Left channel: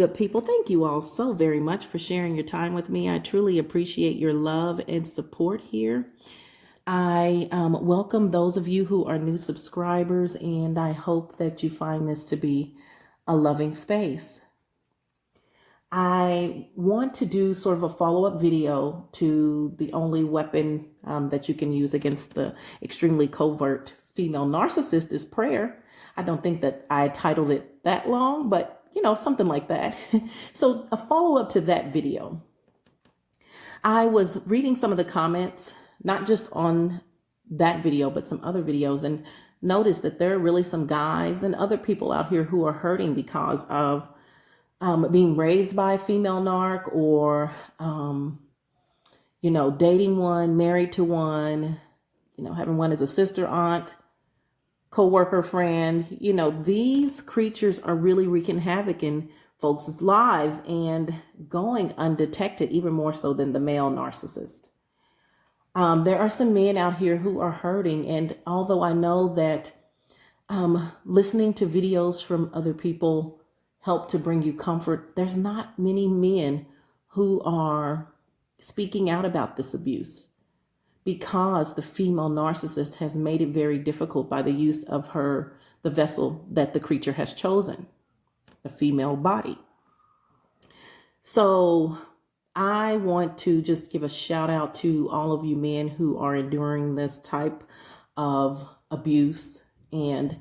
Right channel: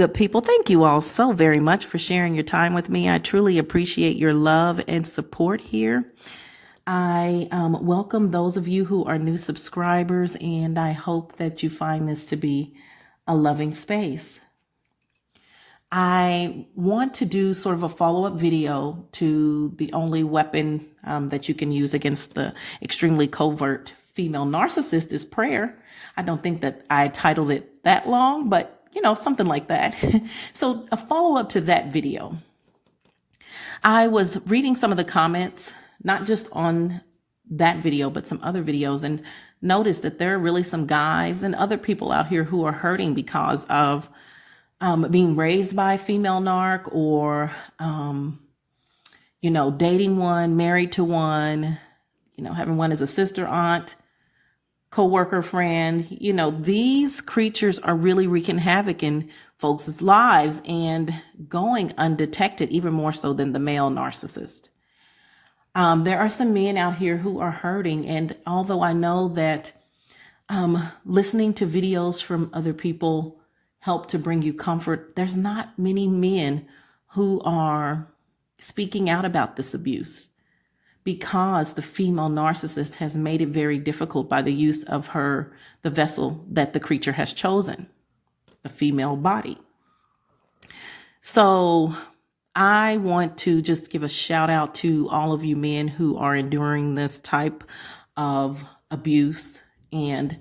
good people. Thank you all so very much for sharing your time with me. I truly appreciate your love and support here. I welcome those of you who are new subscribers, and I hope that you find this to be a loving space. I want to do sort of a follow-up video to the only weapon that you can use against the extremely covert female narcissist is prayer. I don't think that I titled it that long, but something like that. So a follow-up to that video. I was reading some of the comments, not just on that video, but some other videos, and noticed that there are really some guys and other people out here who are hurting because of being raised by a female narc, or, dating one, married to one, having one as a sister, aunt, co-worker, friend. These creatures are really wreaking havoc in folks' lives and going undetected, even more so than the male narcissist. There are some men out here who are hurting. And although I know that listening to videos from other people help to bring you comfort, there's not many men who are speaking out about this abuse, because the female narcissist has made it very difficult by the use of the vessel that the creature has chosen, the female body. So I want to just give a shout out to all of you men who are enduring this type of abuse and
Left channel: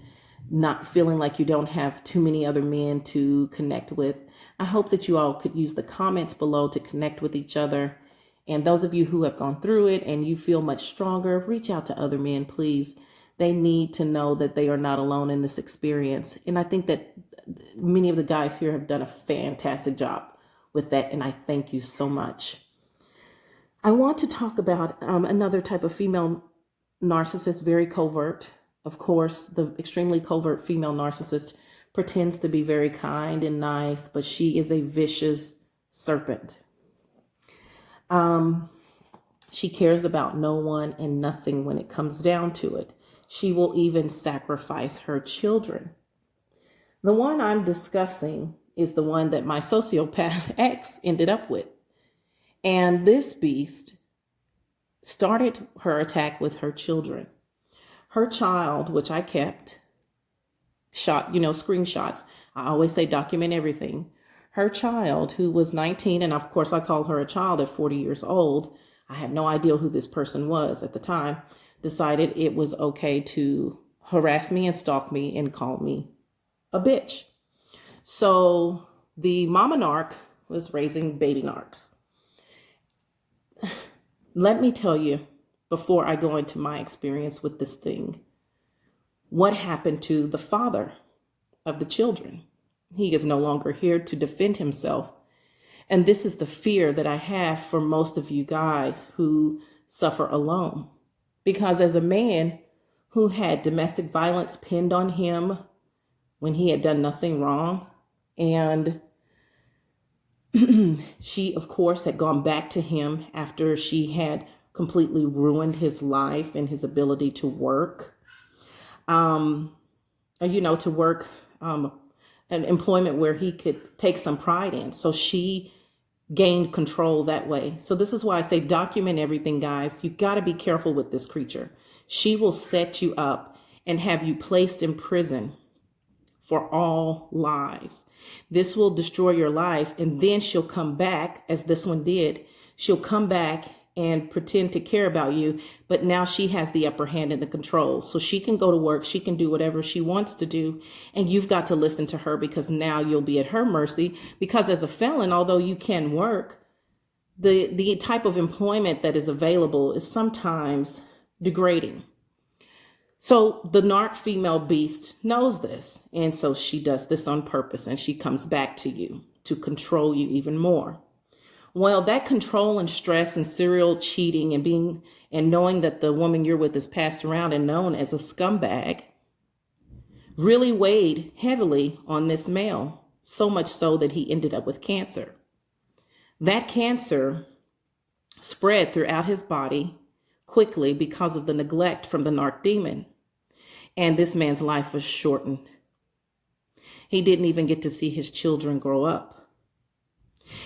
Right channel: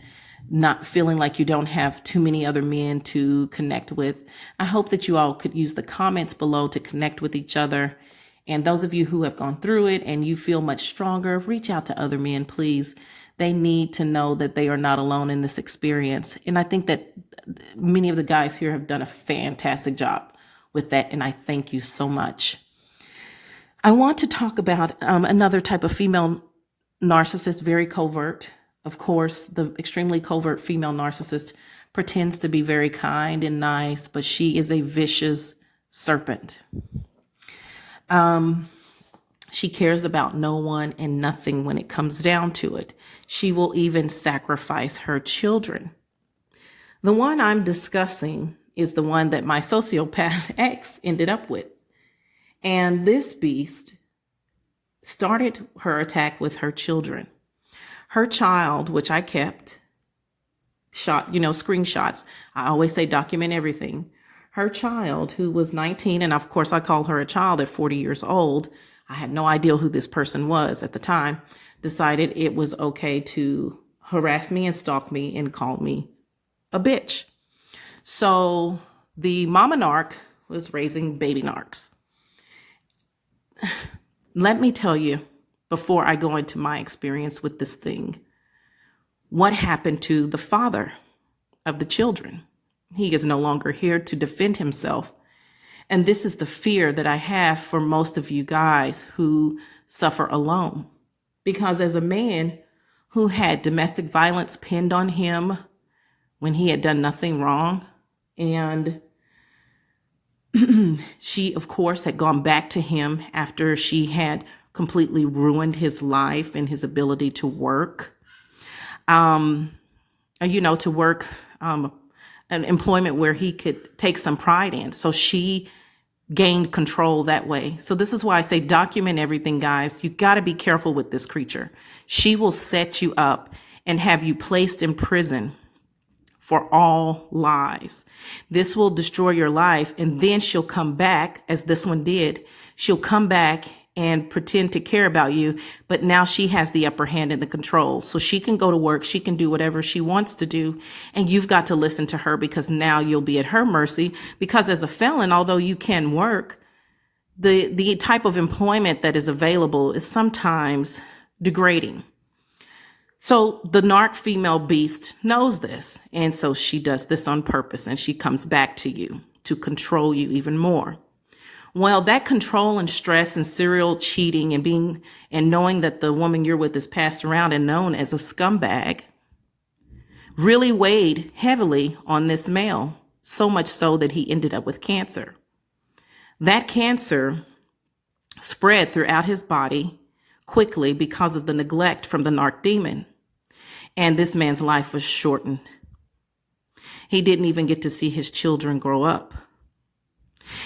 not feeling like you don't have too many other men to connect with. I hope that you all could use the comments below to connect with each other. And those of you who have gone through it and you feel much stronger, reach out to other men, please. They need to know that they are not alone in this experience. And I think that many of the guys here have done a fantastic job with that. And I thank you so much. I want to talk about another type of female narcissist, very covert. Of course, the extremely covert female narcissist pretends to be very kind and nice, but she is a vicious serpent. She cares about no one and nothing when it comes down to it. She will even sacrifice her children. The one I'm discussing is the one that my sociopath ex ended up with. And this beast started her attack with her children. Her child, which I kept, screenshots. I always say document everything. Her child, who was 19, and of course I call her a child at 40 years old. I had no idea who this person was at the time, decided it was okay to harass me and stalk me and call me a bitch. So the mama narc was raising baby narcs. Let me tell you, before I go into my experience with this thing, what happened to the father of the children. He is no longer here to defend himself. And this is the fear that I have for most of you guys who suffer alone. Because as a man who had domestic violence pinned on him when he had done nothing wrong, and she, of course, had gone back to him after she had completely ruined his life and his ability to work, an employment where he could take some pride in. So she gained control that way. So this is why I say document everything, guys. You got to be careful with this creature. She will set you up and have you placed in prison for all lies. This will destroy your life. And then she'll come back, as this one did. She'll come back and pretend to care about you, but now she has the upper hand in the control. So she can go to work, she can do whatever she wants to do, and you've got to listen to her, because now you'll be at her mercy. Because as a felon, although you can work, the type of employment that is available is sometimes degrading. So the narc female beast knows this, and so she does this on purpose, and she comes back to you to control you even more. Well, that control and stress and serial cheating and knowing that the woman you're with is passed around and known as a scumbag really weighed heavily on this male, so much so that he ended up with cancer. That cancer spread throughout his body quickly because of the neglect from the narc demon. And this man's life was shortened. He didn't even get to see his children grow up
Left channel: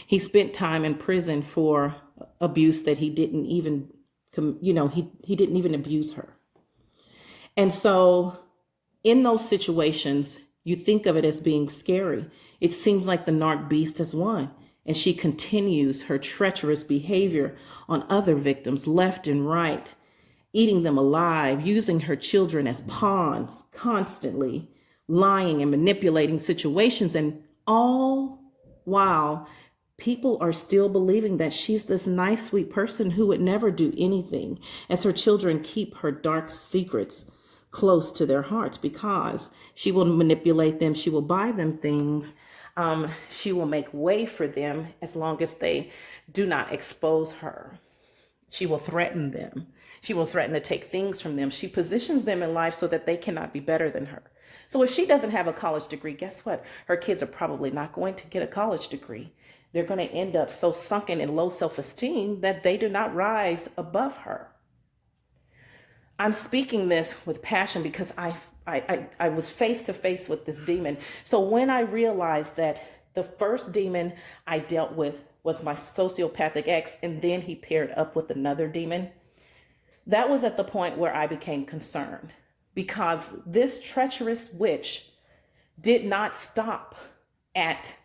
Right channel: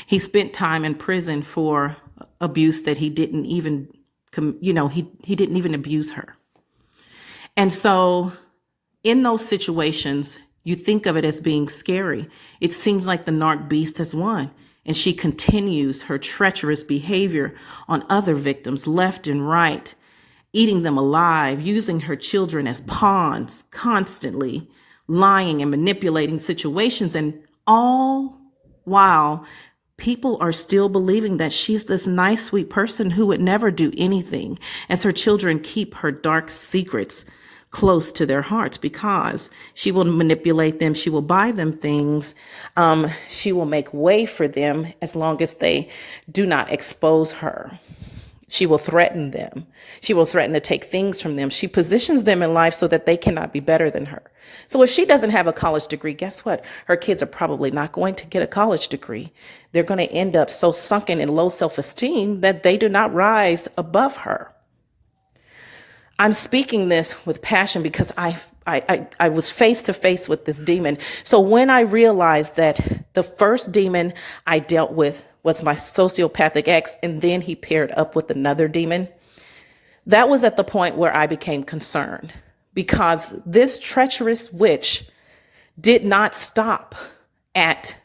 He spent time in prison for abuse that he didn't even, he didn't even abuse her. And so in those situations, you think of it as being scary. It seems like the narc beast has won, and she continues her treacherous behavior on other victims left and right, eating them alive, using her children as pawns, constantly lying and manipulating situations, and all while people are still believing that she's this nice, sweet person who would never do anything, as her children keep her dark secrets close to their hearts, because she will manipulate them. She will buy them things. She will make way for them as long as they do not expose her. She will threaten them. She will threaten to take things from them. She positions them in life so that they cannot be better than her. So if she doesn't have a college degree, guess what? Her kids are probably not going to get a college degree. They're going to end up so sunken in low self-esteem that they do not rise above her. I'm speaking this with passion because I was face to face with this demon. So when I realized that the first demon I dealt with was my sociopathic ex, and then he paired up with another demon, that was at the point where I became concerned, because this treacherous witch did not stop at,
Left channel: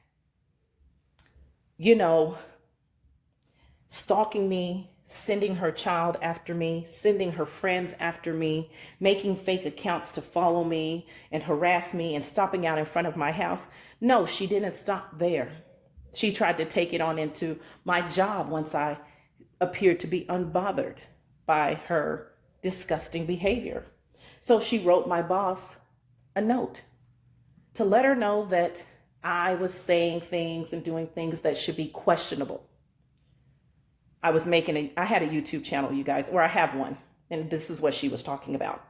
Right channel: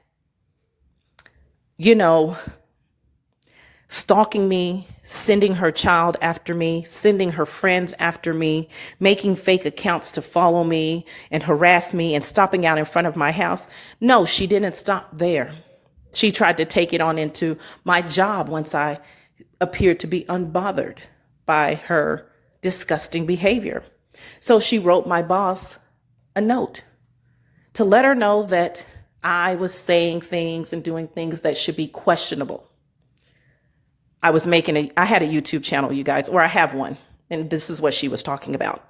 stalking me, sending her child after me, sending her friends after me, making fake accounts to follow me and harass me and stopping out in front of my house. No, she didn't stop there. She tried to take it on into my job once I appeared to be unbothered by her disgusting behavior. So she wrote my boss a note to let her know that I was saying things and doing things that should be questionable. I had a YouTube channel, you guys, or I have one, and this is what she was talking about.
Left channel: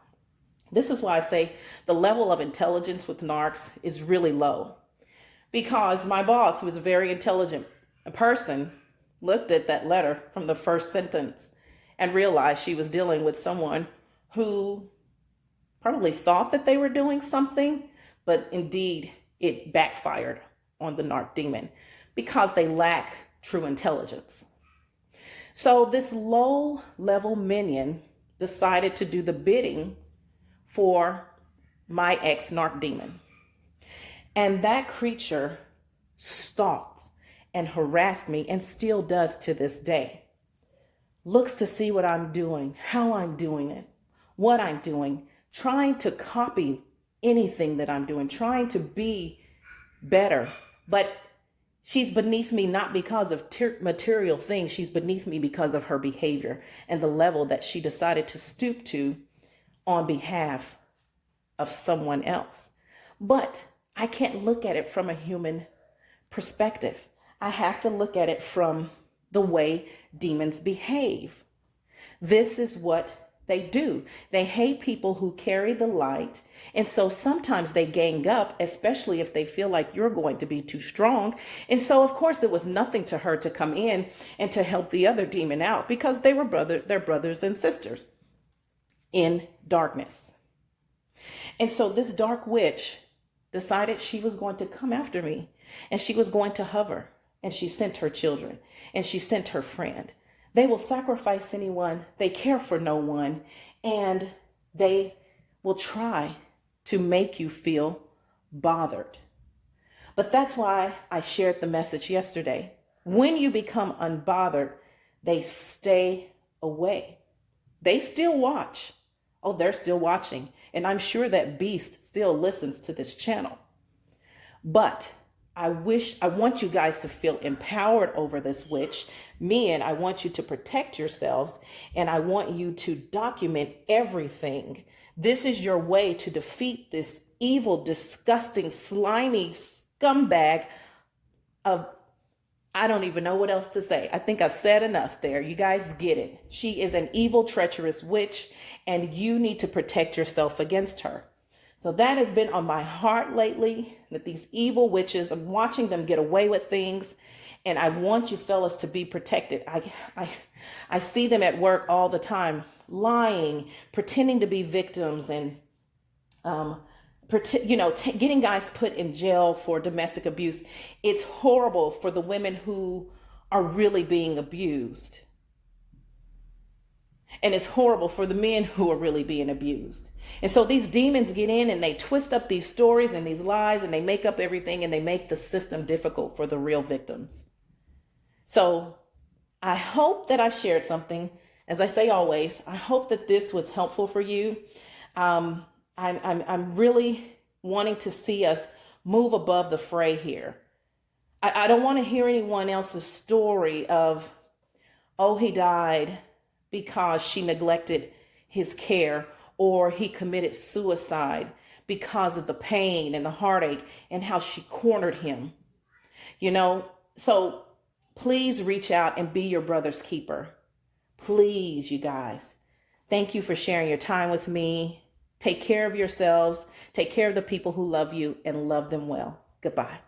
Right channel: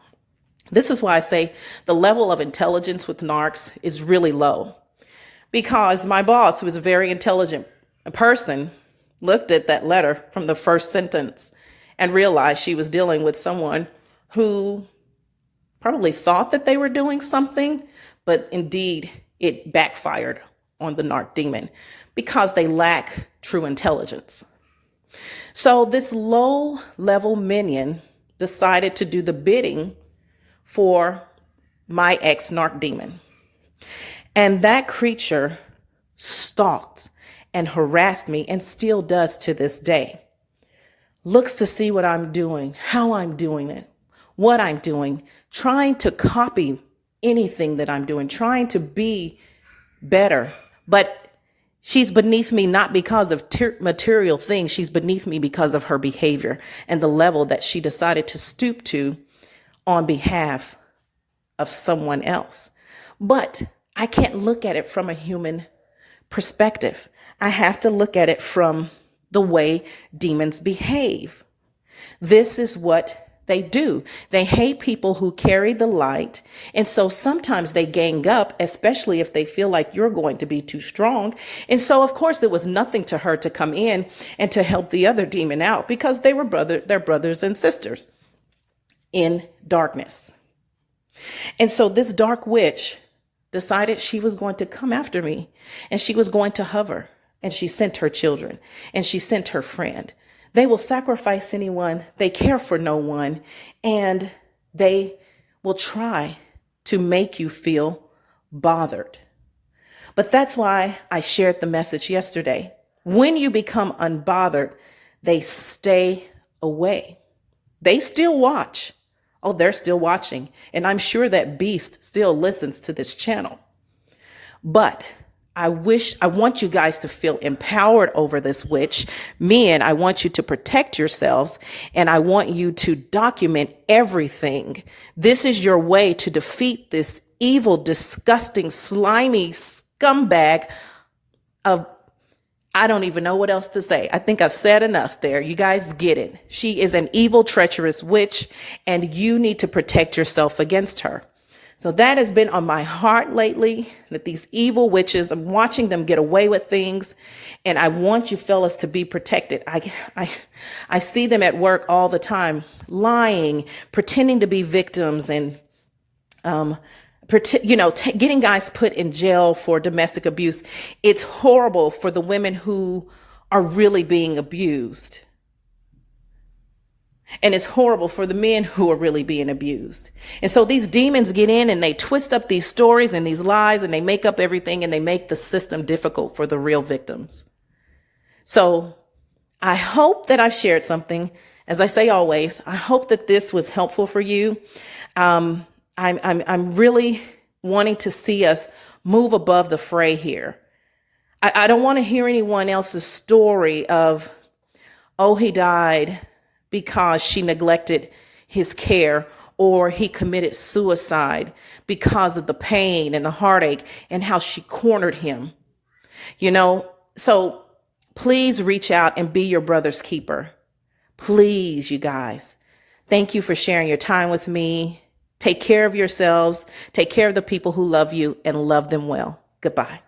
This is why I say the level of intelligence with narcs is really low, because my boss, who is a very intelligent person, looked at that letter from the first sentence and realized she was dealing with someone who probably thought that they were doing something, but indeed it backfired on the narc demon because they lack true intelligence. So this low-level minion decided to do the bidding for my ex-narc demon. And that creature stalked and harassed me, and still does to this day. Looks to see what I'm doing, how I'm doing it, what I'm doing, trying to copy anything that I'm doing, trying to be better. But she's beneath me not because of material things. She's beneath me because of her behavior and the level that she decided to stoop to on behalf of someone else. But I can't look at it from a human perspective. I have to look at it from the way demons behave. This is what they do. They hate people who carry the light. And so sometimes they gang up, especially if they feel like you're going to be too strong. And so, of course, it was nothing to her to come in and to help the other demon out, because they were they're brothers and sisters in darkness. And so this dark witch decided she was going to come after me, and she was going to hover, and she sent her children, and she sent her friend. They will sacrifice anyone. They care for no one. And they will try to make you feel bothered. But that's why I shared the message yesterday. When you become unbothered, they stay away. They still watch. Oh, they're still watching. And I'm sure that beast still listens to this channel. But I want you guys to feel empowered over this witch. Men, I want you to protect yourselves, and I want you to document everything. This is your way to defeat this evil, disgusting, slimy scumbag of, I don't even know what else to say. I think I've said enough there. You guys get it. She is an evil, treacherous witch, and you need to protect yourself against her. So that has been on my heart lately, that these evil witches, I'm watching them get away with things, and I want you fellas to be protected. I see them at work all the time, lying, pretending to be victims, and getting guys put in jail for domestic abuse. It's horrible for the women who are really being abused. And it's horrible for the men who are really being abused. And so these demons get in and they twist up these stories and these lies and they make up everything and they make the system difficult for the real victims. So I hope that I've shared something. As I say always, I hope that this was helpful for you. I'm really wanting to see us move above the fray here. I don't want to hear anyone else's story of, oh, he died because she neglected his care, or he committed suicide because of the pain and the heartache and how she cornered him. So please reach out and be your brother's keeper. Please, you guys. Thank you for sharing your time with me. Take care of yourselves. Take care of the people who love you and love them well. Goodbye.